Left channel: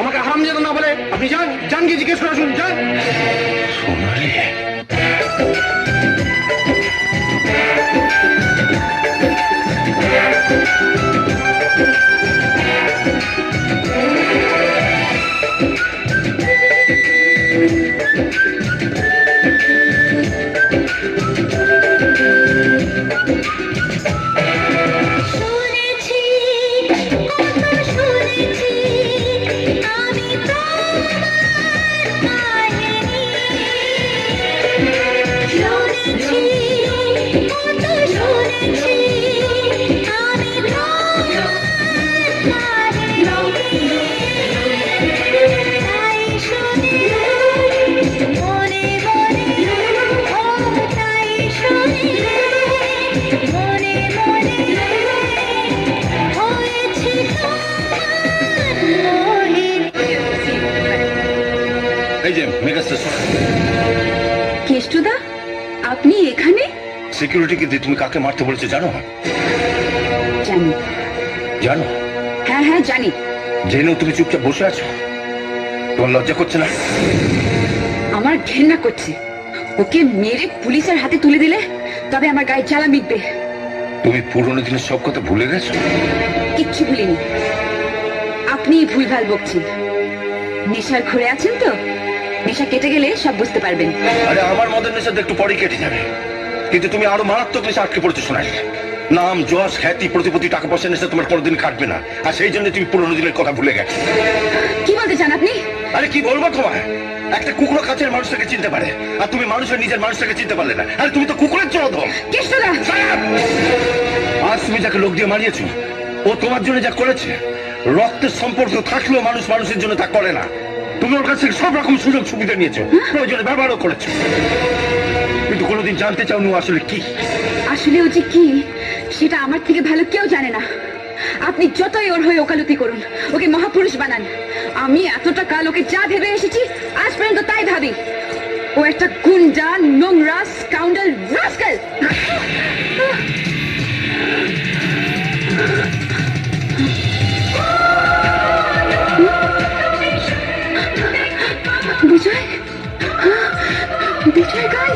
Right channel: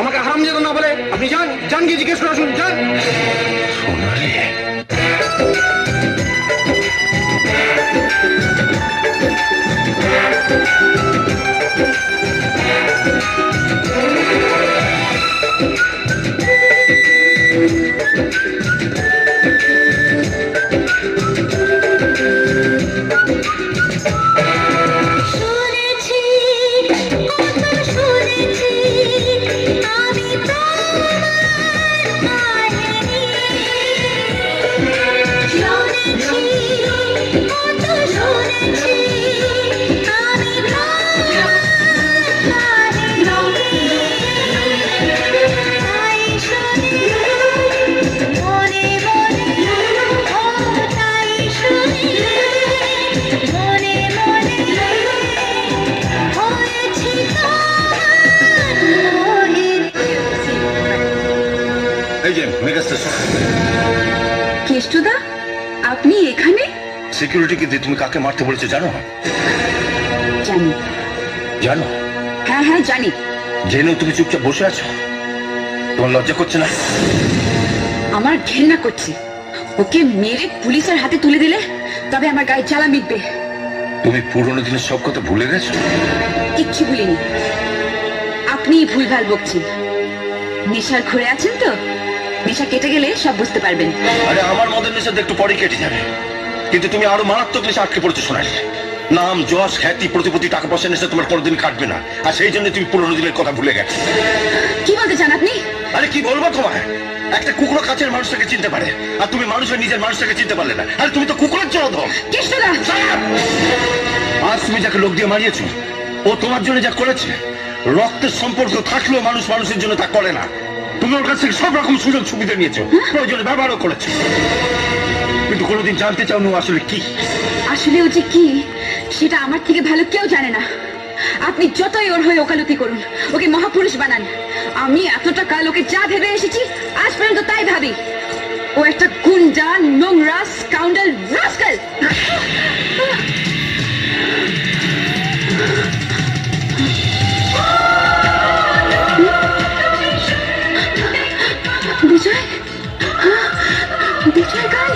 আমাকে হারাম যেন না বলে আপনি যান, যান গিয়ে জিজ্ঞেস করে শুনুন, যান। এই যে মেগা স্টেশন। কেষ্টদা, আপনি এখানে? সিকিউরিটিকে দিয়ে তুমি কাকে মারতে বলেছো জানো? জানি। জানো? হ্যাঁ হ্যাঁ জানি। জেনেও তুমি চুপচাপ বসে আছো? তোমার লজ্জা করছে না? আমার ঘেন্না করছে। ওকে মেরে পুলিশের হাতে তুলে দিলে তবে আমার গায়ে জ্বালা মিটবে। তুমি পুরোনো দিনের সব কথা ভুলে গেছো? কিচ্ছু ভুলিনি। আপনিই ভুলভাল বকছেন। নেশার ঘুরে আছেন তো, নেশা কেটে গেলে সব বুঝতে পারবেন। আরে আমার মদের নেশা একটু পরে কেটে যাবে, কিন্তু তুমি আরো মারাত্মক নেশা আটকে পড়েছো সোনালি। নাম, যশ, খ্যাতি, প্রতিপত্তি, টাকা পয়সা নেশা তোমার কোনোদিন কাটবে না, আর সেই জন্য তুমি পুরোনো দিনের কথা ভুলে গেছো। কি বলতে চান আপনি? আরে কি বলবো তোমায়? একটা কুকুর কাছের মানুষটাকে চিনতে পারে, আর তুমি মানুষের নিজের মানুষটাকে চিনতে পারলে না। আরে তুমি তো কুকুরের জনধন। কেষ্টদা! আজ তুমি যাকে লোক দিয়ে মারিয়েছো, ও তোমার জন্য যা করেছে, রক্তের সম্পর্ক থাকলেও মানুষ মানুষের জন্য তা করে না। তুমি ওর কাছ থেকে সব রকম সুযোগ সুবিধা নিয়েছো, প্রয়োজনে ব্যবহারও করেছো, কিন্তু কোনোদিন জানতে চাওনি ও আসলে কি। আসলে ও যে কি সেটা আমার থেকে ভালো কেউ জানে না। আপনি যতই ওর হয়ে ওকালতি করুন, ওকে মহাপুরুষ বানান, আমি এতটা কাল ওকে যা ভেবে এসেছি আজ পর্যন্ত তাই ভাবি। ও একটা গুন্ডা, নোংরা, স্কাউন্ডাল, রাস্কেল। বিজয়, বিজয় গান।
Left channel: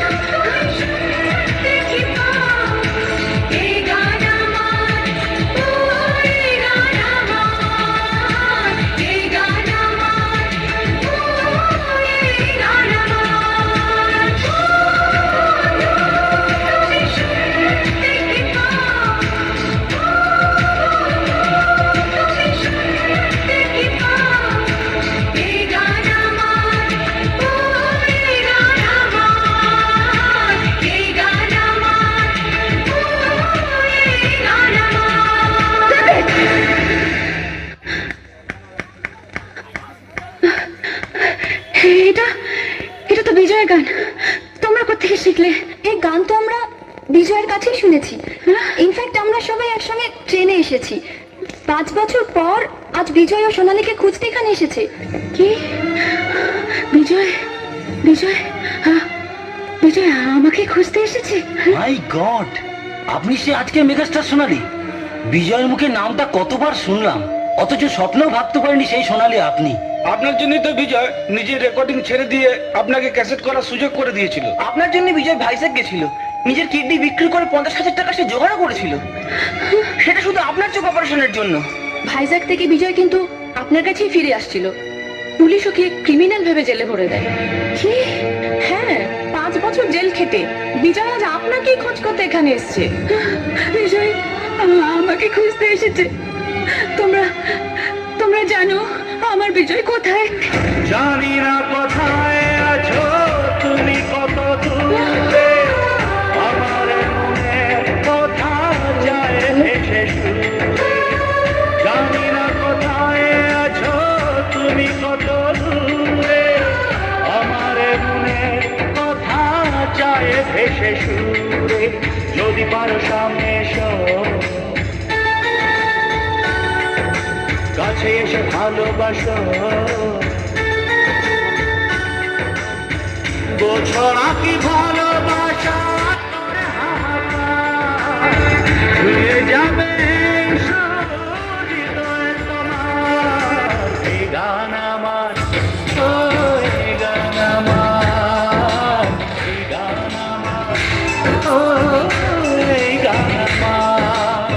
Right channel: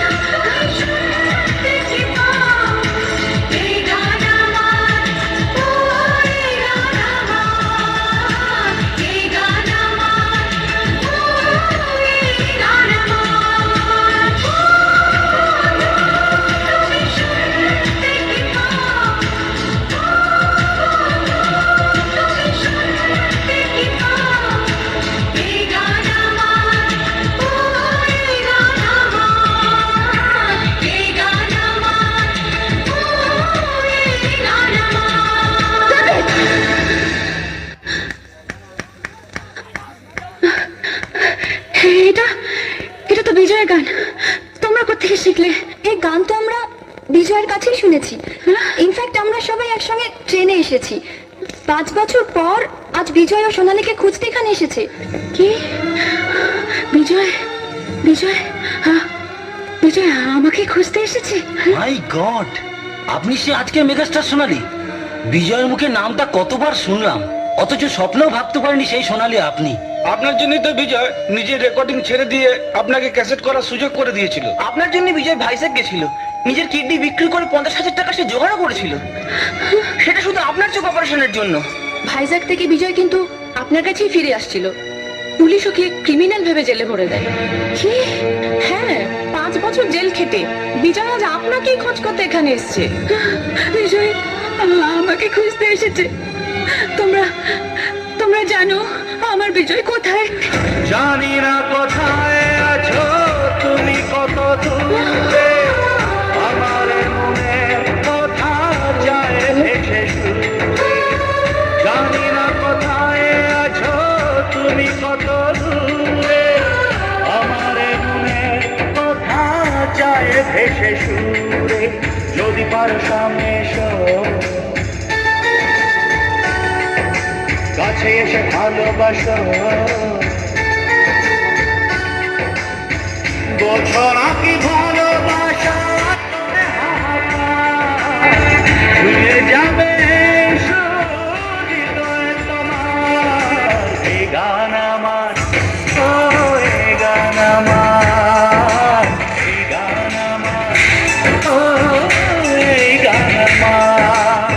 এটা এটা তো বিজয়ের গান। তোমরা কোত্থেকে শিখলে? এই গান তো আমরা বিজয়ের কাছেই শুনেছি। ইনফ্যাক্ট আমরা সবাই একসঙ্গে ট্রেনে এসেছি। 5 বছর পর আজ বিজয় ও সোনালীকে খুঁজতে এখানে এসেছে। কি? বিজয় বিজয় বিজয় আমাকে খুঁজতে এসেছে? মাই গড, আপনি সে আজকে মেগাস্টার সোনালী। বিজয়ের মুখে নামটা কতবার শুনলাম, অথচ স্বপ্নেও ভাবতে পারিনি সেই সোনালী আপনি। আপনার জন্যই তো বিজয় নিজের রেকর্ডিং ছেড়ে দিয়ে আপনাকে ক্যাসেট করার সুযোগ করে দিয়েছিল। আপনার জন্য বিজয় ভাইজ্যাক গেছিল, নিজের কিডনি বিক্রি করে 50,000 টাকা সে জোগাড় করেছিল, সেটা শুধু আপনার চোখ অপারেশনের জন্য। ভাইজ্যাক থেকে বিজয় কিন্তু আপনার কাছেই ফিরে আসছিল। পুলিশ ওকে ক্রিমিনাল ভেবে জেলে ভরে দেয়। কি? হ্যাঁ, 5 বছর জেল খেটে বিজয় আজ আপনাকেই খোঁজ করতে এখানে এসেছে। বিজয় আমাকে খুঁজতে এসেছে। তোমরা তোমরা জানো আমার বিজয় কোথায়? জানি না কোথায় আছো তুমি, কত দূরে আমার মনে কথা যায় ভেসে সুরে। জানি না কোথায় আছো তুমি, কত দূরে আমার মনে কথা যায় ভেসে সুরে। যদি পারো সামনে এসো, কাছে এসে ভালোবাসো, বোঝো না কি ভালোবাসা ছুঁয়ে যাবে হৃদয় তোমার। এই গান আমার, ও এই গান আমার, এই গান আমার, ও এই গান আমার।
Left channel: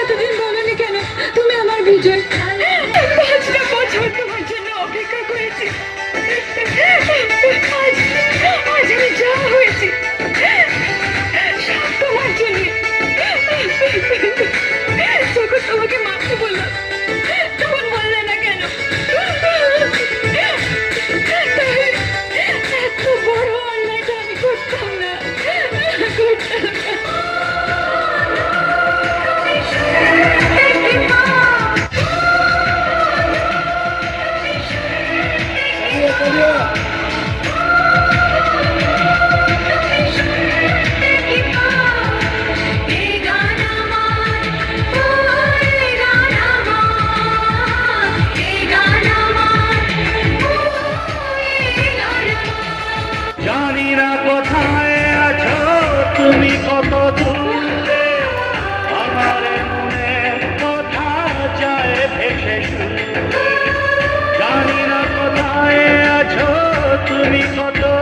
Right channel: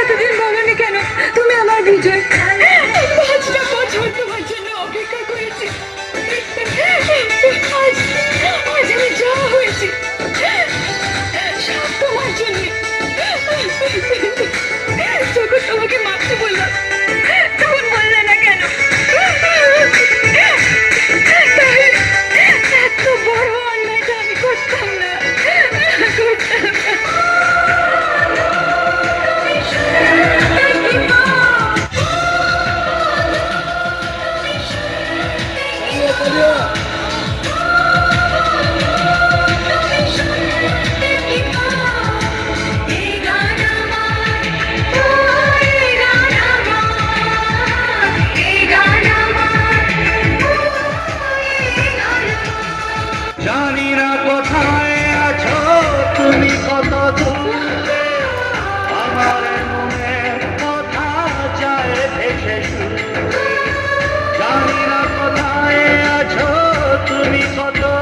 এতদিন বলনি কেন তুমি আমার বিজয়? 5টা বছর তোমার জন্য অপেক্ষা করেছি। আজ আমি যা হয়েছি সব তোমার জন্য। যখন তোমাকে মারতে বললাম তখন বললে না কেন? তাহলে এত বড় অন্যায়টা আমি করতাম না, করতাম না। তুমি কত